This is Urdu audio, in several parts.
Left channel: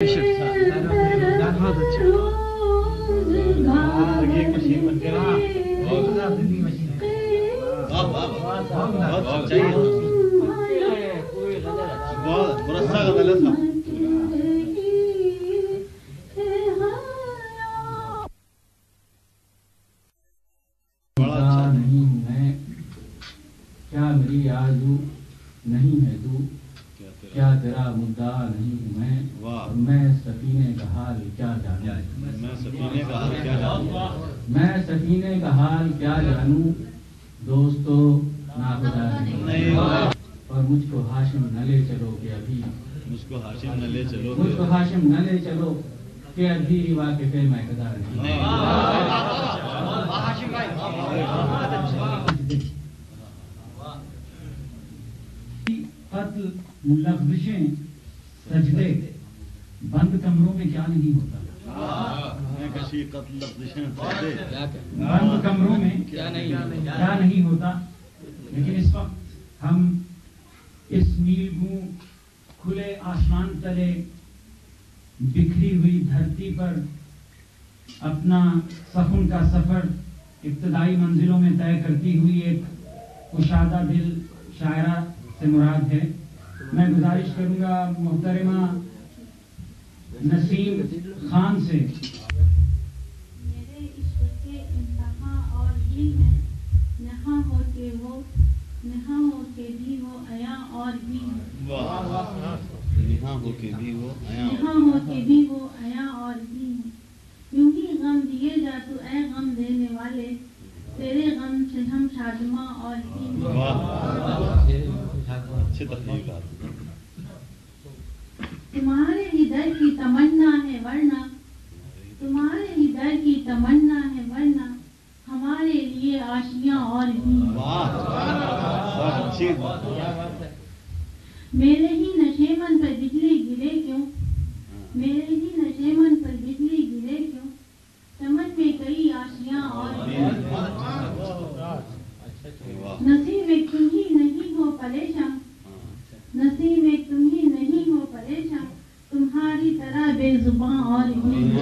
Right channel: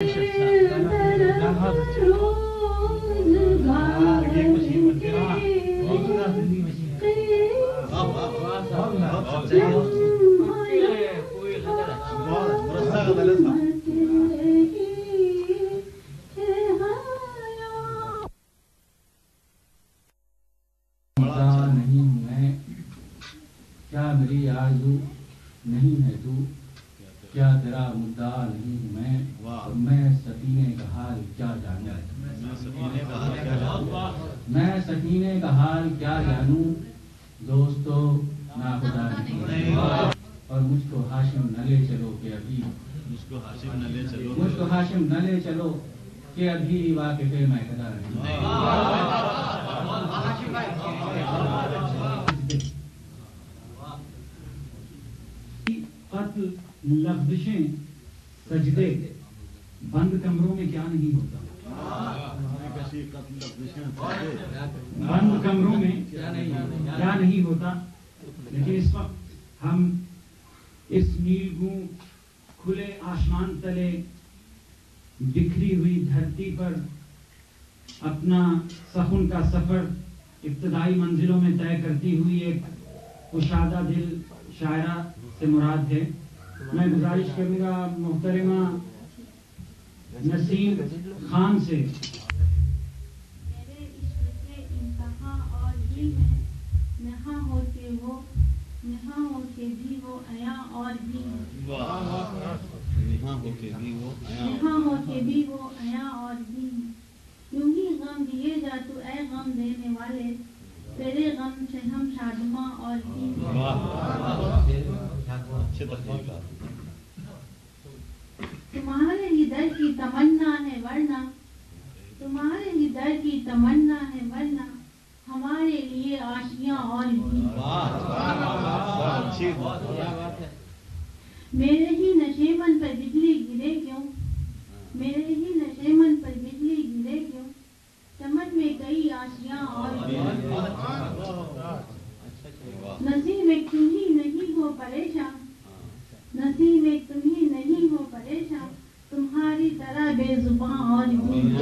کیا میری آرزو نہیں ہے تو، کیا تیرا مدعا نہیں ہوں میں سفینے کا حال کیا جانوں، میں سفینے کا حال کیا جانوں، دوستو ناخدا نہیں، اور مجھ کو ہاشم نہ لے چلو کہ ابھی، مجھ کو ہاشم نہ لے چلو کہ ابھی واقف میں قدر نہیں۔ قتل لغزشیں سجدے بند کمروں میں کیا نہیں ہوتا، بند کمروں میں کیا نہیں ہوتا، لیکن اس وقت ہم اس نیلگوں کھلے آسمان تلے بکھری ہوئی دھرتی پر اپنا سخن کا سفر ابتدائی منزلوں میں طے کرتی ہوئی ایک کشادہ دل شاعرہ سے مراد ہے۔ میں گزارش کروں گا محترمہ نسیم خان سے۔ میرے عشق کے انتہا اور بھی ہے، نہاں ہو کے بھی وہ عیاں اور بھی ہے، نہاں ہو کے بھی وہ عیاں اور بھی ہے، یوں ہی غم دیے جا تو اے غم دینے والے، تیرے غم سے ہم شادماں اور بھی ہیں۔ تمہارے ہی در کی تمنا ہے ورنہ، تمہارے ہی در کی تمنا ہے ورنہ، ہمارے لیے آشیاں اور بھی ہیں۔ میرے ہی نشیمن پر بجلی گرے کیوں، میرے ہی نشیمن پر بجلی گرے کیوں، چمن میں کئی آشیاں اور بھی ہیں۔ نصیب ایک تم ہی نہیں ہو پریشان، نصیب ایک تم ہی نہیں ہو پریشان، تمہاری طرح بے زباں اور بھی ہیں۔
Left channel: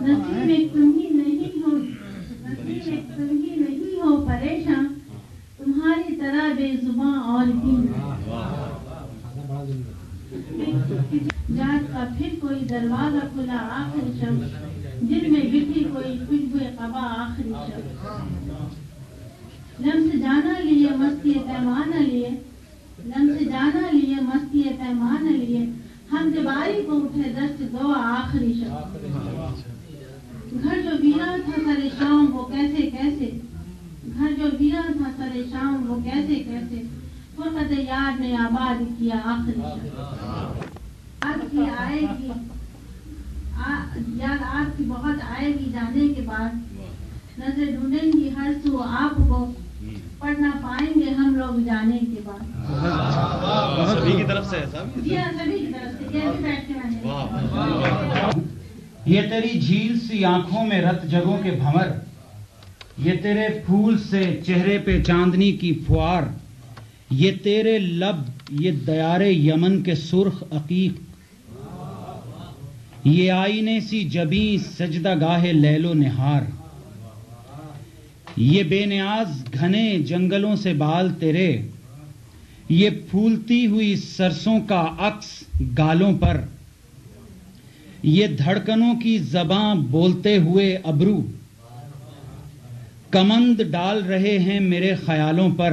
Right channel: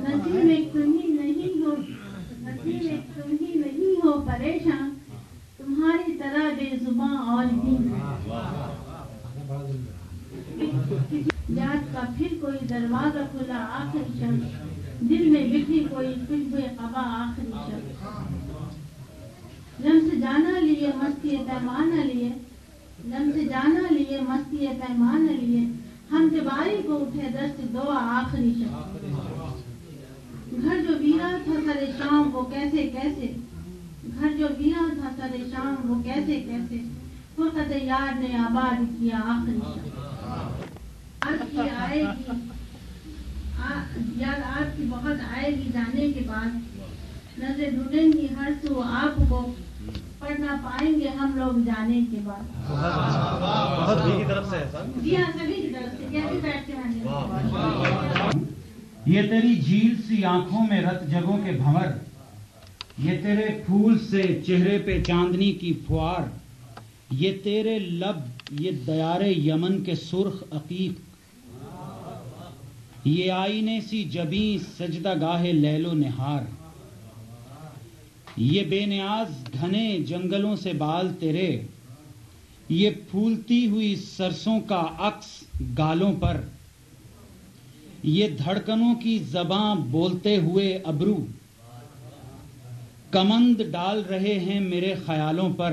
نصیب ایک تم ہی نہیں ہو، نصیب ایک تم ہی نہیں ہو پریشان، تمہاری طرح بے زباں اور بھی ہیں۔ جات کا پھر کوئی دروازہ کھلا آخری شب، دل میں بکھی کوئی خوشبو قبا آخری شب، لمس جانا لیے مستی پیمانہ لیے، لمس جانا لیے مستی پیمانہ لیے، ہم دیواری کو اٹھے دست دعا آخری شب، گھر جو ویران تھا سر شام وہ کیسے کیسے، گھر جو ویران تھا سر شام وہ کیسے کیسے، فرقت یار نے آباد کیا آخری شب۔ آج کی آئے گی یاد، آپ کی بہت آئے گی جانے کے بعد، نظر ڈھونڈیں گی ہر سو آپ کو، پڑھ نہ پائیں گے ہم لوگ جانے کے بعد۔ سبھی کی طرف سے جی ہاں، سبھی کی طرف سے، جیسے بیٹھتے ہیں۔ یہ تیری جھیل سی آنکھوں میں رت جگوں کے بھنور، یہ تیرے پھول سے چہرے پہ چاندنی کی فوار، یہ تیرے لب، یہ دیار یمن کے سرخ عقیق، یہ آئینے سی جبیں سجدہ گاہ لیل و نہار، یہ بے نیاز گھنے جنگلوں سے بال تیرے، یہ پھولتی ہوئی سرسوں کا عکس گالوں پر، یہ دھڑکنوں کی زباں بولتے ہوئے ابرو، کمند ڈال رہے ہیں میرے خیالوں پر،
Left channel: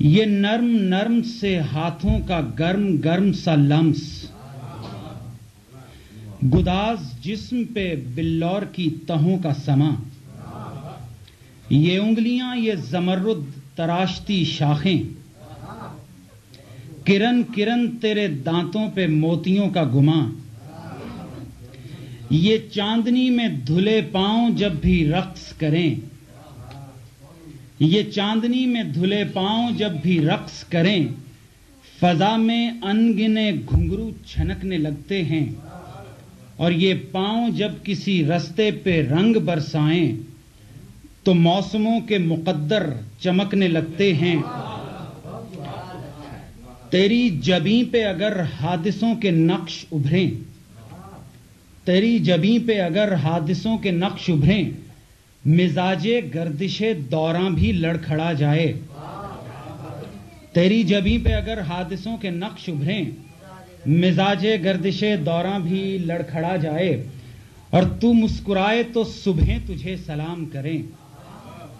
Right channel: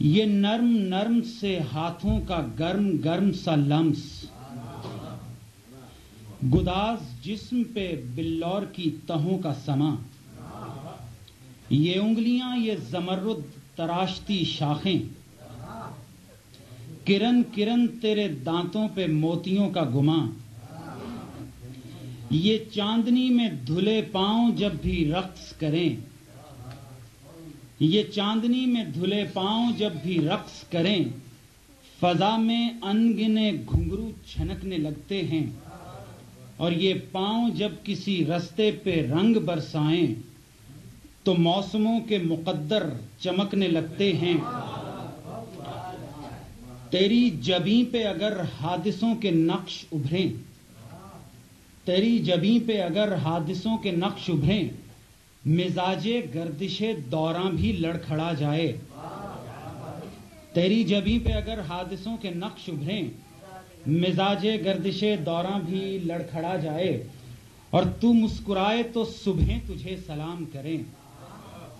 یہ نرم نرم سے ہاتھوں کا گرم گرم سا لمس، گداز جسم پہ بلور کی تہوں کا سما، یہ انگلیاں، یہ زمرد تراشتی شاخیں، کرن کرن تیرے دانتوں پہ موتیوں کا گماں، یہ چاندنی میں دھلے پاؤں جب بھی رقص کریں، یہ چاندنی میں دھلے پاؤں جب بھی رقص کریں، فضا میں انگنے گھنگرو چھنکنے لگتے ہیں، اور یہ پاؤں جب کسی رستے پہ رنگ برسائیں، تو موسموں کے مقدر چمکنے لگتے ہیں. تیری جبیں پہ اگر حادثوں کے نقش ابھریں، تیری جبیں پہ اگر حادثوں کے نقش ابھریں، مزاج گردش دوراں بھی لڑکھڑا جائے. تیری جبیں پہ اگر حادثوں کے نقش ابھریں، مزاج گردش دوراں بھی لڑکھڑا جائے. اور تو مسکرائے تو صبحیں تجھے سلام کریں،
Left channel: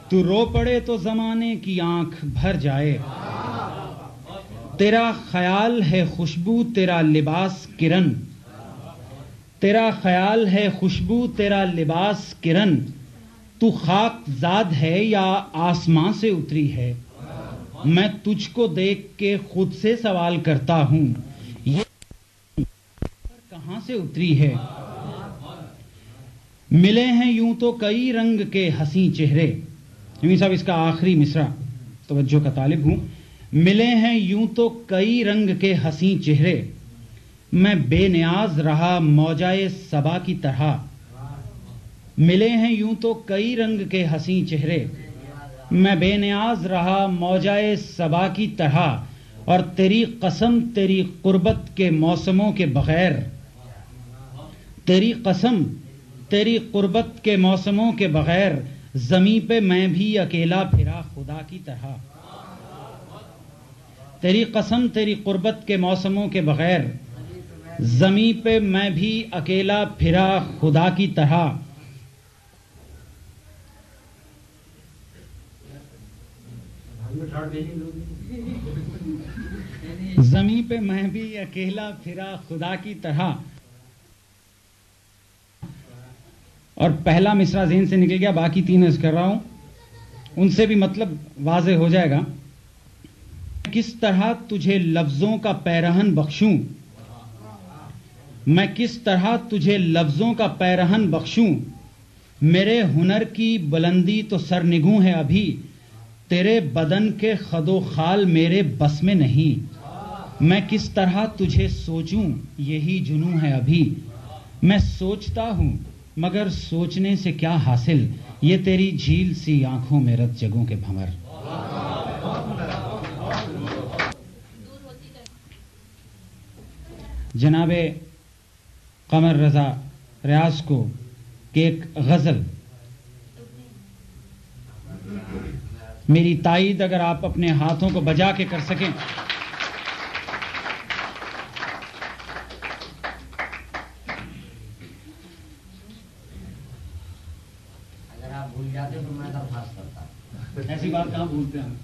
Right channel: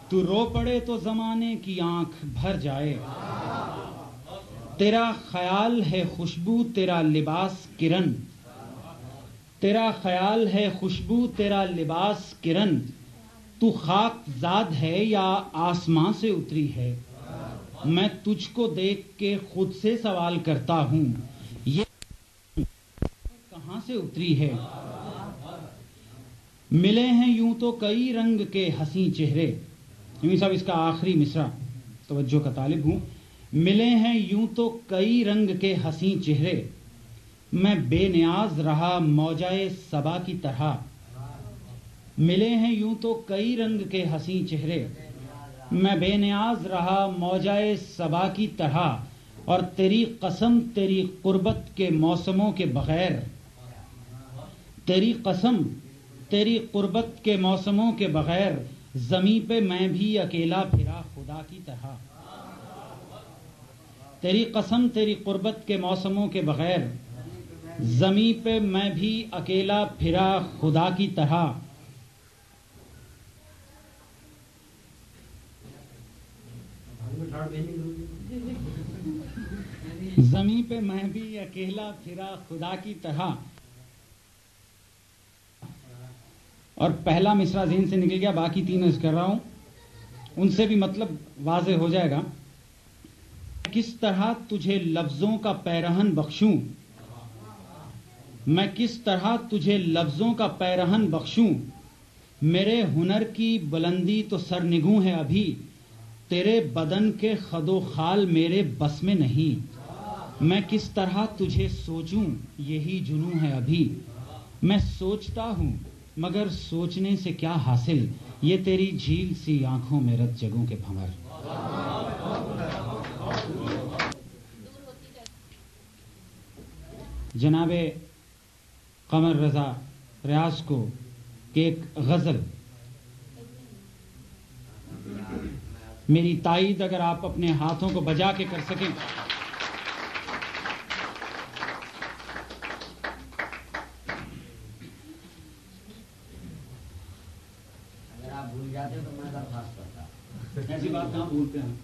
تو رو پڑے تو زمانے کی آنکھ بھر جائے. تیرا خیال ہے خوشبو تیرا لباس کرن، تیرا خیال ہے خوشبو تیرا لباس کرن. تو خاک زاد ہے یا آسمان سے اتری ہے؟ میں تجھ کو دیکھ کے خود سے سوال کرتا ہوں، یہ کہاں سے اتری ہے؟ ملے ہیں یوں تو کئی رنگ کے حسین چہرے. یوں صاحب اس کا آخری مصرع توجہ کا طالب ہوں. ملے ہیں یوں تو کئی رنگ کے حسین چہرے، میں بے نیاز رہا موجائے صبا کی طرح. ملے ہیں یوں تو کئی رنگ کے حسین چہرے، میں بے نیاز رہا موجائے صبا کی طرح. اور تیری قسم تیری قربت کے موسموں کے بغیر، تیری قسم تیری قربت کے موسموں کے بغیر، زمین پہ میں بھی اکیلا پھرا خدا کی طرح. تیری قسم تیری قربت کے موسموں کے بغیر، زمین پہ میں بھی اکیلا پھرا خدا کی طرح. زمین پہ میں بھی اکیلا پھرا خدا کی طرح. اور پہلا مصرع ذہن سے نکل گیا، باقی تین عرض کر رہا ہوں، ان سے بھی مطلب واضح ہو جائے گا. کس طرح تجھے لفظوں کا پیرہن بخشوں، میں کس طرح تجھے لفظوں کا پیرہن بخشوں. میرے ہنر کی بلندی تو سرنگوں ہے ابھی، تیرے بدن کے خد و خال میرے بس میں نہیں. میں کس طرح تجھے سوچوں یہی جنوں ہے ابھی. میں سوچتا ہوں مگر سوچنے سے کیا حاصل، یہ تیری جھیل سی آنکھوں میں رت جگوں کے بھمر. جناب قمر رضا ریاض کو کہ ایک غزل، میری تائید اگر آپ اپنے ہاتھوں کو بجا کے کر سکیں. اگر آپ بھول جاتے تو میں درخواست کرتا. ایسی بات کہاں بھولتے ہیں.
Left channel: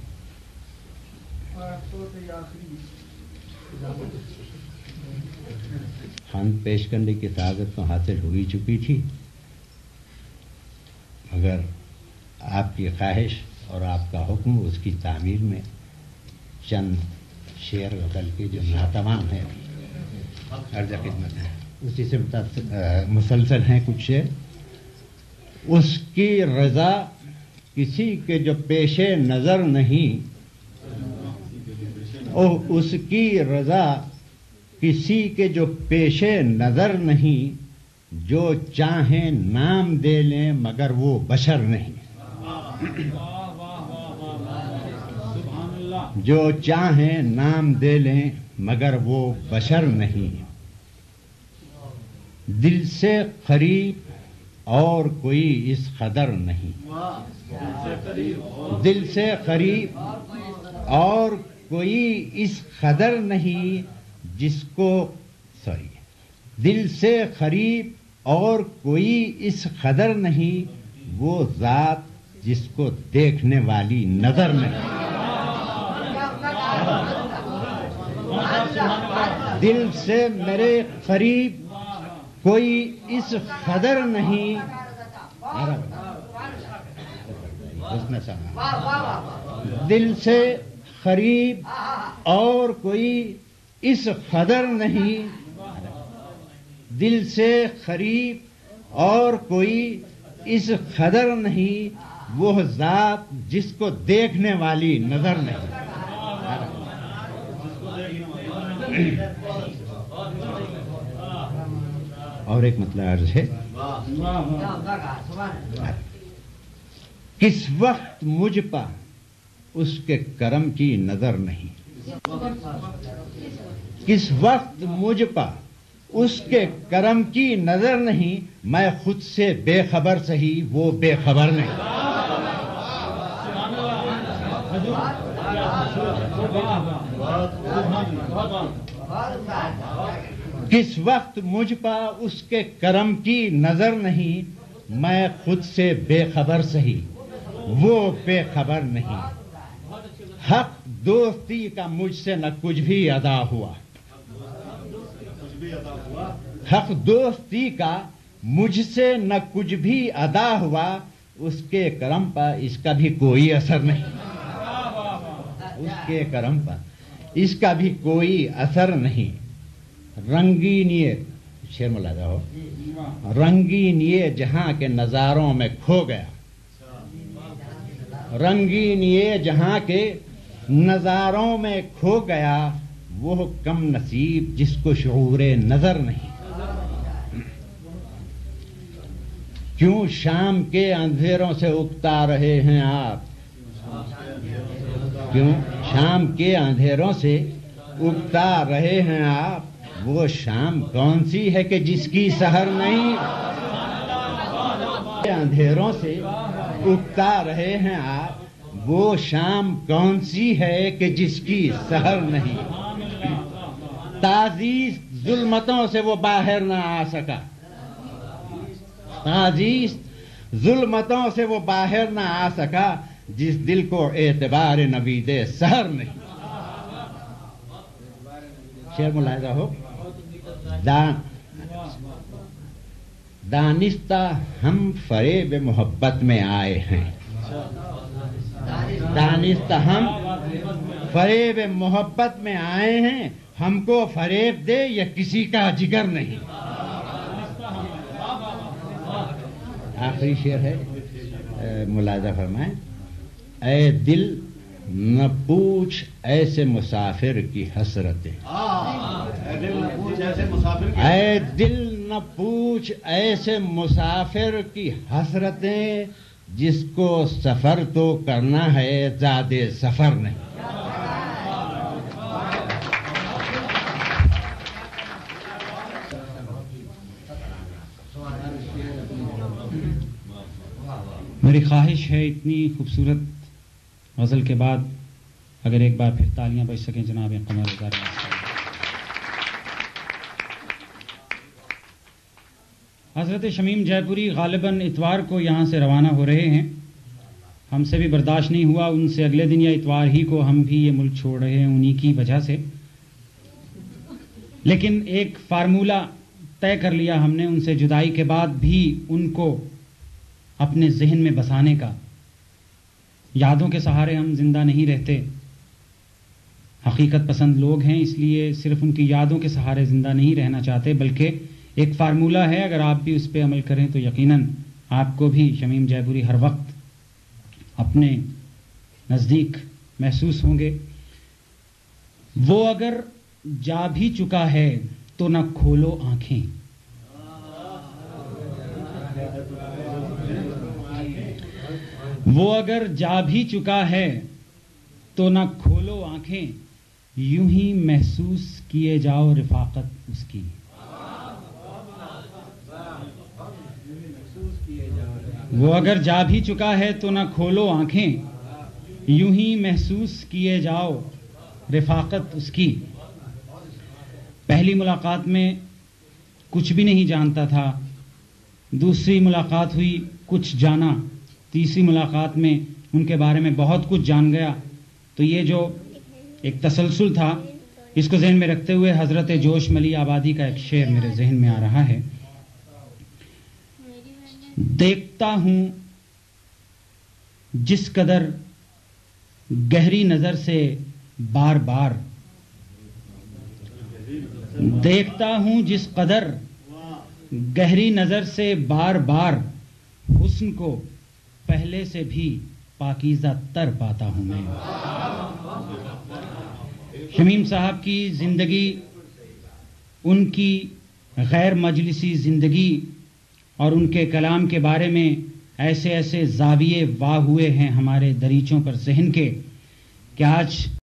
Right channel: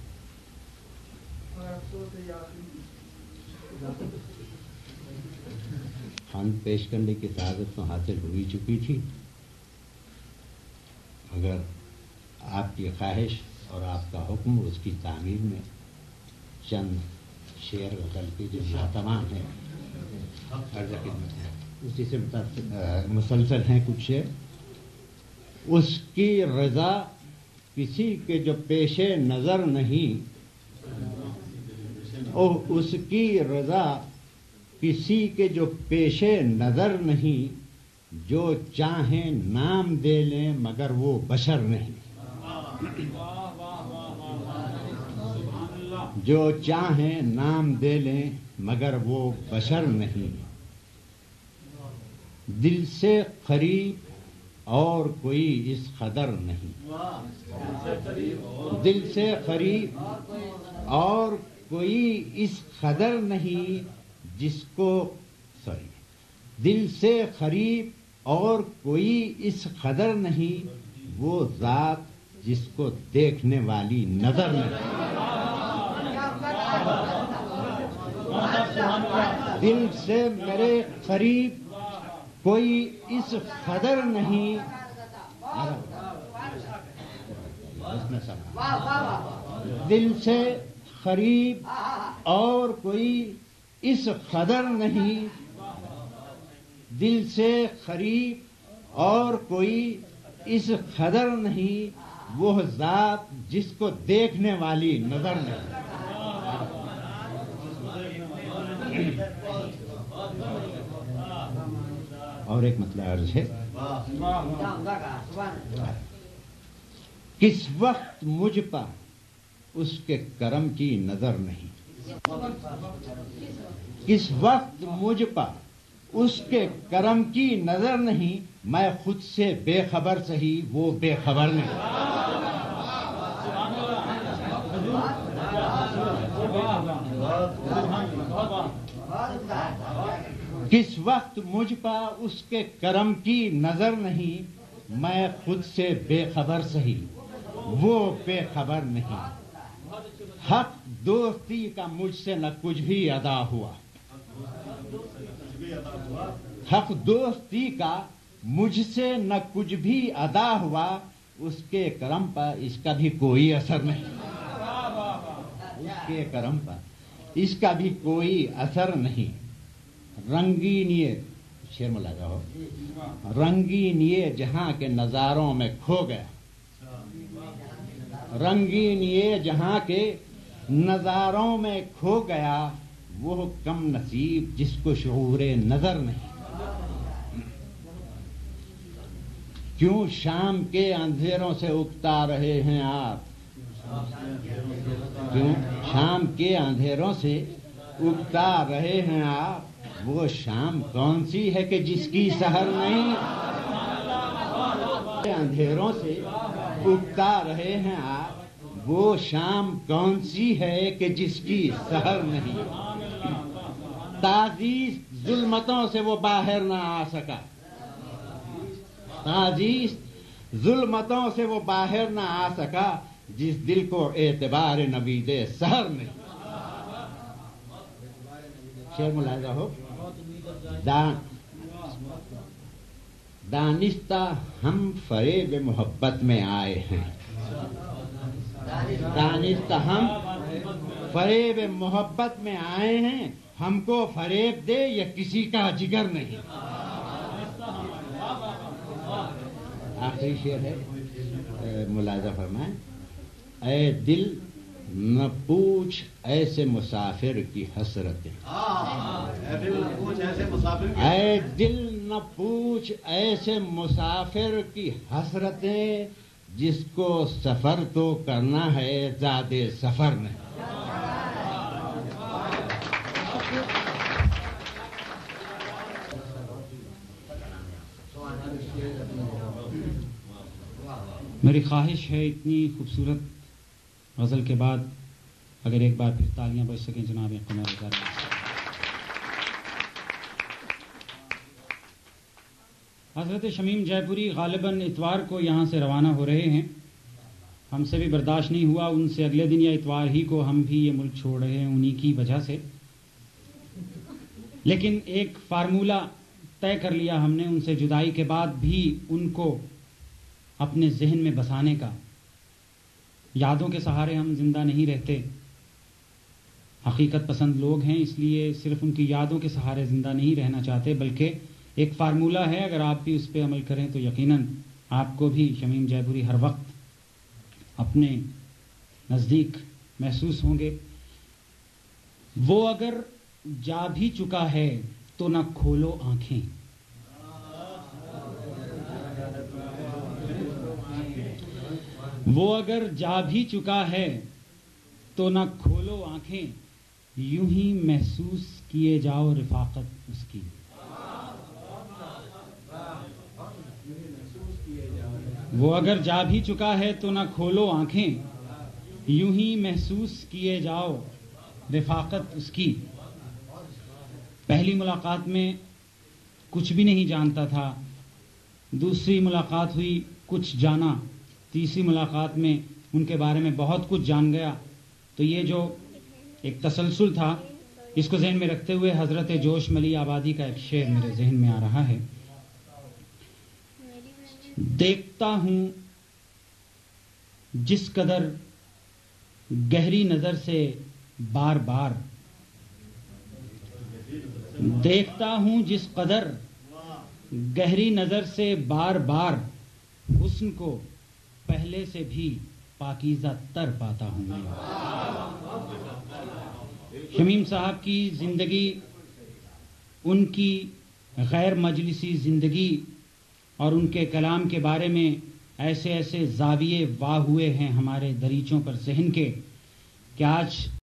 خان پیش کرنے کی سعادت تو حاصل ہو ہی چکی تھی، مگر آپ کی خواہش اور آپ کا حکم اس کی تعمیر میں چند شعر غزل کے جو ناتمام ہیں عرض خدمت ہے، اسی سے مسلسل ہیں کچھ شعر. اس کی رضا کسی کے جو پیش نظر نہیں، اس کی رضا کسی کے جو پیش نظر نہیں، جو چاہیں نام دے لیں مگر وہ بشر نہیں. جو چاہیں نام دے لیں مگر وہ بشر نہیں. دل سے قریب اور کوئی اس قدر نہیں، دل سے قریب اور کوئی اس قدر نہیں جس کو دل سے قریب اور کوئی اس قدر نہیں، وہ ذات جس کو دیکھنے والی نظر نہیں. دل سے میرے قریب کوئی اس قدر نہیں، دل سے قریب اور کوئی اس قدر نہیں، دل سے قریب اور کوئی اس قدر نہیں، وہ ذات جس کو دیکھنے والی نظر نہیں. اور ایک مطلب عرض ہے، کس وقت مجھ پر اس کے کرم کی نظر نہیں، کس وقت مجھ پر اس کے کرم کی نظر نہیں، میں خود سے بے خبر سہی وہ بے خبر نہیں۔ کس وقت مجھ پر اس کے کرم کی نظر نہیں، میں خود سے بے خبر سہی وہ بے خبر نہیں۔ حق دوستی کا مجھ سے نہ کچھ بھی ادا ہوا، حق دوستی کا مجھ سے نہ کچھ بھی ادا ہوا، اس کے کرم پر اس کا بھی کوئی اثر نہیں، اس کے کرم پر اس کا بھی کوئی اثر نہیں۔ رنگین یہ شعر ملاحظہ ہو، رنگین یہ جہاں کے نظاروں میں کھو گیا، رنگین یہ جہاں کے نظاروں میں کھو گیا، وہ کم نصیب جس کو شعور نظر نہیں۔ کیوں شام کے اندھیروں سے اکتا رہے ہیں آپ، کیوں شام کے اندھیروں سے اکتا رہے ہیں آپ، وہ شام کون سی ہے کہ جس کی سحر نہیں، اندھیروں سے اکتا رہے ہیں آپ، وہ شام کون سی ہے کہ جس کی سحر نہیں۔ تعزیز ظلمتوں سے وہ باہر نہ آ سکا، تعزیز ظلمتوں سے وہ باہر نہ آ سکا، جس دل کو اعتبار نوید سحر نہیں۔ شعر ملاحظہ ہو، دانستہ ہم فریب محبت میں آئے ہیں، دانستہ ہم فریب محبت میں آئے ہیں، ہم کو فریب دے یا کسی کا جگر نہیں۔ آخری شعر ہے، ملاحظہ فرمائیں۔ اے دل نہ پوچھ ایسے مسافر کی حسرتیں، اے دل نہ پوچھ ایسے مسافر کی حسرتیں، جس کو سفر تو کرنا ہے زیادہ سفر نہیں۔ میری خواہش ہے اتنی خوبصورت غزل کے بعد اگر ایک بار پھر تالیاں بج سکیں جناب قمر رضا۔ حضرت شمیم جے پوری غالباً اتوار کو یہاں سے روانہ ہو رہے ہیں، ہم سے بھی برداشت نہیں ہوا ان سے اگلے دن یا اتوار ہی کو ہم بھی یہ ملک چھوڑ رہے ہیں انہی کی وجہ سے، لیکن ایک فارمولہ طے کر لیا ہم نے ان سے جدائی کے بعد بھی ان کو اپنے ذہن میں بسانے کا۔ یادوں کے سہارے ہم زندہ نہیں رہتے، حقیقت پسند لوگ ہیں، اس لیے صرف ان کی یادوں کے سہارے زندہ نہیں رہنا چاہتے، بلکہ ایک فارمولہ ہے، اگر آپ بھی اس پہ عمل کریں تو یقیناً آپ کو بھی شمیم جے پوری ہر وقت اپنے نزدیک محسوس ہوں گے۔ وہ اگر جا بھی چکا ہے تو نہ کھولو آنکھیں، وہ اگر جا بھی چکا ہے تو نہ کھولو آنکھیں، یوں ہی محسوس کیے جاؤ رفاقت اس کی۔ وہ اگر جا بھی چکا ہے تو نہ کھولو آنکھیں، یوں ہی محسوس کیے جاؤ رفاقت اس کی۔ پہلی ملاقات میں کچھ بھی نہیں جانتا تھا، دوسری ملاقات ہوئی کچھ جانا، تیسری ملاقات میں ان کے بارے میں بہت کچھ جان گیا۔ تو یہ جو ایک تسلسل تھا، اس کو ذہن میں رکھتے ہوئے حضرت جوش ملی آبادی کا ایک شعر میرے ذہن میں آ رہا ہے۔ دیکھتا ہوں جس قدر گہری نظر سے بار بار، دیکھتا ہوں جس قدر گہری نظر سے بار بار، حسن کو پہلے سے بھی پاکیزہ تر پاتا ہوں میں۔ شمیم صاحب کی زندگی، ان کی غیر مجلسی زندگی اور ان کے کلام کے بارے میں ایسے ایسے زاویے واہ ہوئے ہیں ہمارے دریچوں پر ذہن کے کہ آج